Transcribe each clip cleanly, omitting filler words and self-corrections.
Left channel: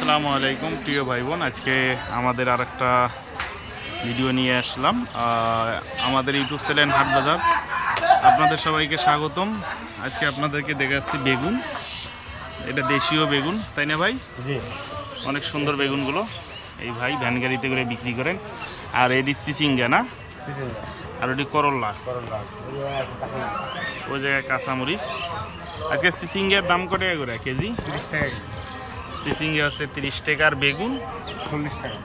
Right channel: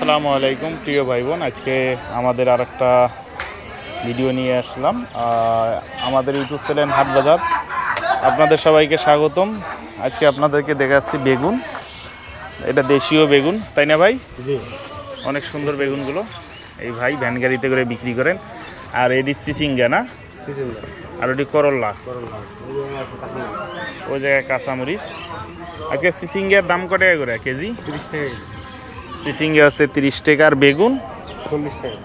আসসালামু আলাইকুম প্রিয় ভাই বোন, আজকে আমাদের আরেকটা ভিডিও নিয়ে আসলাম। আমাদের ইউটিউব চ্যানেল হাট বাজার, আপনাদের সবাইকে স্বাগতম। আজকে আপনাদেরকে দেখাচ্ছি বেগুন। এটা দেশীয় বেগুন, তাই না ভাই? জি, অনেক সুন্দর বেগুনগুলো। এই ভাই ভ্যান গাড়িতে করে বিক্রি করেন। আর এটি চিচিঙ্গা না, আর ওটি করল্লা, ওই জায়গায় কাঁচামরিচ। আজকে চিচিঙ্গার দাম কত টাকা করে কেজি? 30 টাকা। চিচিঙ্গা আছে 30 টাকা, আর বেগুন 40 টাকা।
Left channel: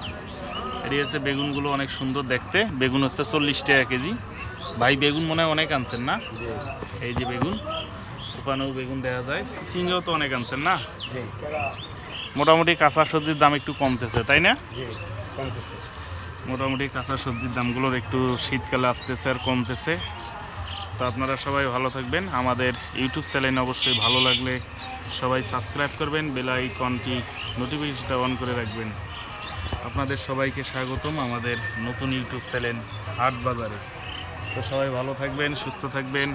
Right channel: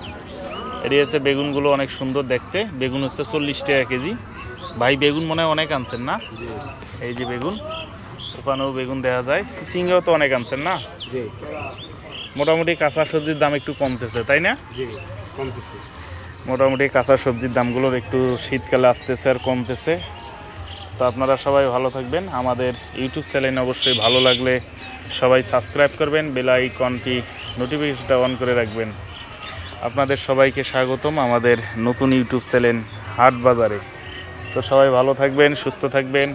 এটি হচ্ছে বেগুনগুলো অনেক সুন্দর দেখতে। বেগুন হচ্ছে 40 টাকা কেজি। ভাই বেগুন মনে হয় অনেক আনছেন না? এই যে বেগুন, ওখানেও বেগুন দেখা যায়। চিচিঙ্গাও তো অনেক আনছেন না? জি, মোটামুটি কাঁচা সবজির দাম একটু কমতেছে, তাই না? জি, কমতেছে। মোটামুটি কাঁচা সবজির দামগুলোর একটু শীতকালে আসতেছে আর কমতেছে। তো আপনারা সবাই ভালো থাকবেন। আমাদের ইউটিউব চ্যানেল অবশ্যই ভালো লাগলে সবাই সাবস্ক্রাইব করবেন, বেল আইকনটি নোটিফিকেশনটা অন করে রাখবেন। আপনাদের সবাইকে স্বাগতম আমাদের নতুন ইউটিউব চ্যানেল হাট বাজারে। তো সবাই ভালো থাকবেন, সুস্থ থাকবেন,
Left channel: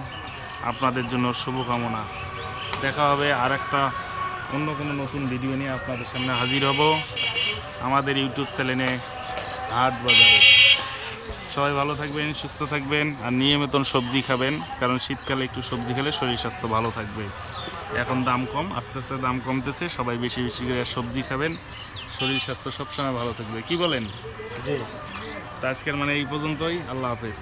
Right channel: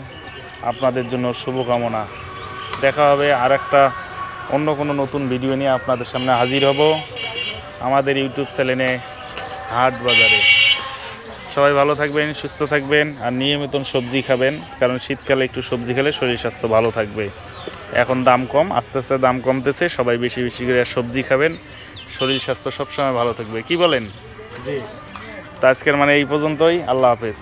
আপনাদের জন্য শুভকামনা। দেখা হবে আর একটা অন্য কোনো নতুন ভিডিও নিয়ে আপনাদের সামনে হাজির হব আমাদের ইউটিউব চ্যানেলে হাট বাজারে। সবাই ভালো থাকবেন, সুস্থ থাকবেন, আর নিয়মিত সবজি খাবেন, কারণ শীতকালে একটু সবজি খেলে শরীর স্বাস্থ্য ভালো থাকবে। এখন দাম কম, আস্তে আস্তে দাম কমতেছে। সবাই বেশি বেশি করে সবজি খাবেন, শরীর স্বাস্থ্য সবসময় ভালো থাকবে। কি বলেন? জি। তো আজকের এই পর্যন্তই। আল্লাহ হাফেজ।